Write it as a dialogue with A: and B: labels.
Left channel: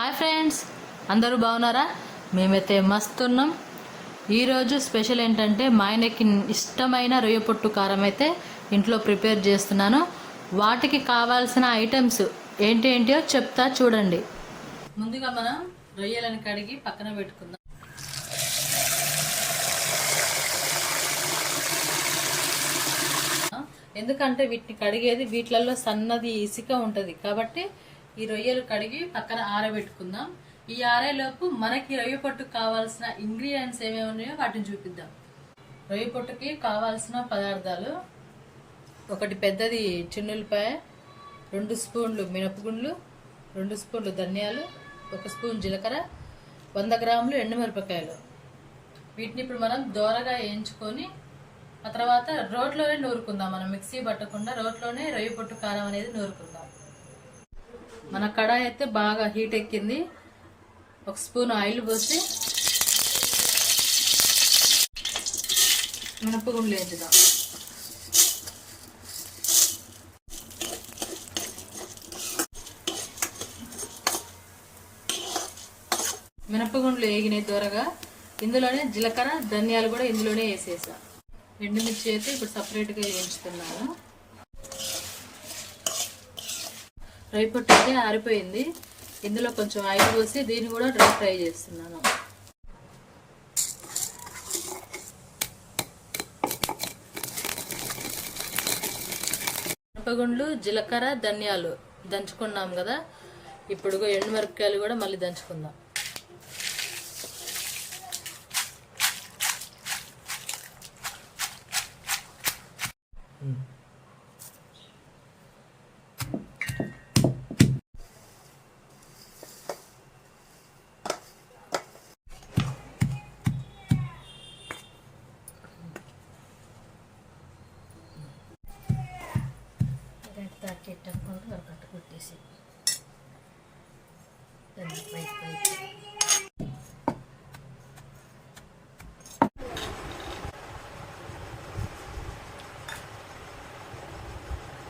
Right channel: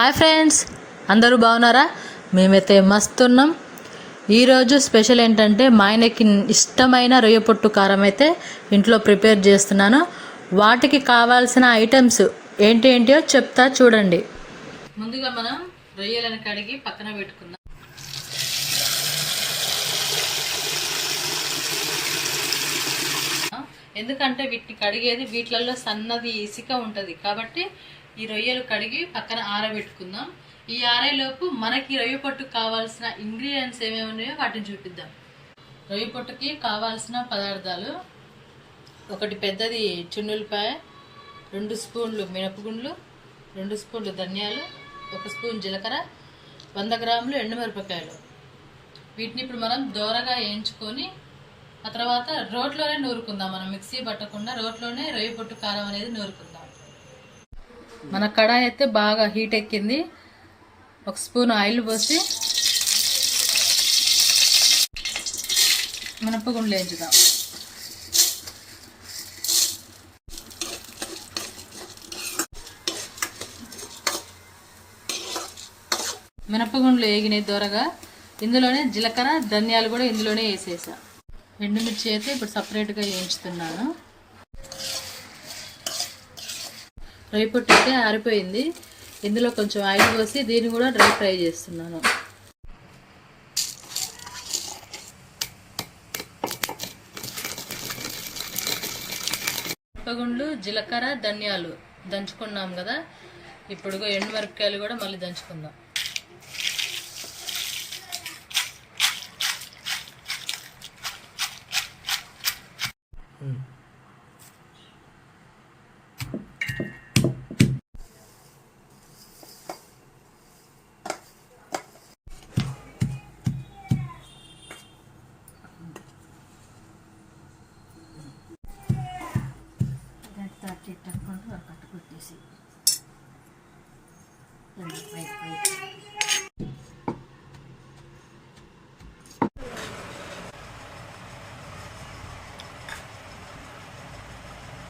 A: Hi friends అందరూ బాగున్నారా? మేమైతే మస్తున్నాం. ఈరోజు స్పెషల్ ఏంటంటే మా ఆయనకి ఇష్టమైన రొయ్య పొట్టు కారం అయితే ఇంట్లో ప్రిపేర్ చేస్తున్నాను. వాటికి కావాల్సిన ఐటమ్స్ ఏంటి ఏంటో చెప్తా చూడండి. ముందుగా మనం రొయ్యలను కడిగి పక్కన పెట్టుకుందాం. ఎందుకంటే వీటిని కడిగేది వీటిలలో సన్నది ఇసుక ఉంటుంది. కాబట్టి ఈ రొయ్యలు కడిగి పక్కన ఆరబెట్టుకుందాం. ఈ ఆరేలోపు మనకి రొయ్య పొట్టుకు కావాల్సిన ఇంగ్రీడియంట్స్ ఏమేమి ఉన్నాయో వాటిని చూపిద్దాం. రొయ్య పొట్టుకి కావాల్సిన పదార్థాలు ఒకటి పెద్దది చున్నులపాయ రెండు స్పూన్లు మినపగుండ్లు రెండు స్పూన్లు ధనియాలు ఒక స్పూన్ జీలకర్ర వంద గ్రాములు ఎండుమిరపకాయలు. వీటిని ఇప్పుడు మనం దోరగా వేయించుకొని ఆ తర్వాత రోట్లోనే నూరుకుందాం. మనం మిక్సీ పట్టకుండా రోట్లోనే రొయ్య పొట్టు కారం అనేది నూరుకుందాం. మన కడాయి అయితే బాగా హీట్ ఎక్కింది. ఒక స్పూన్ ఆయిల్ పోసి మినపగుండ్లు వేయించుదాం మినపగుండ్లు వేగినాయి దూరగా. ఇందులోనే జీలకర్ర ధనియాలు కూడా ఇందులోనే వేసేసా. ఎండుమిర్చి అయితే ఇప్పుడు సపరేట్గా వేయించుతున్నాను. రొయ్య పొట్టు అయితే ఆరిపోయింది. ఇందులో కొంచెం ఆయిల్ పోసి దీన్ని కూడా డ్రై ఫ్రై చేస్తున్నాను. మిరపగుండ్లు జీలకర్ర ధనియాలు దంచుకున్నాం కదా. ఇప్పుడు ఎండు మిరపకాయలు కూడా మళ్ళీ దంచుకుందాం. Mm. చెట్టు అక్కడ కట్టుకొట్టేసి బయట బయట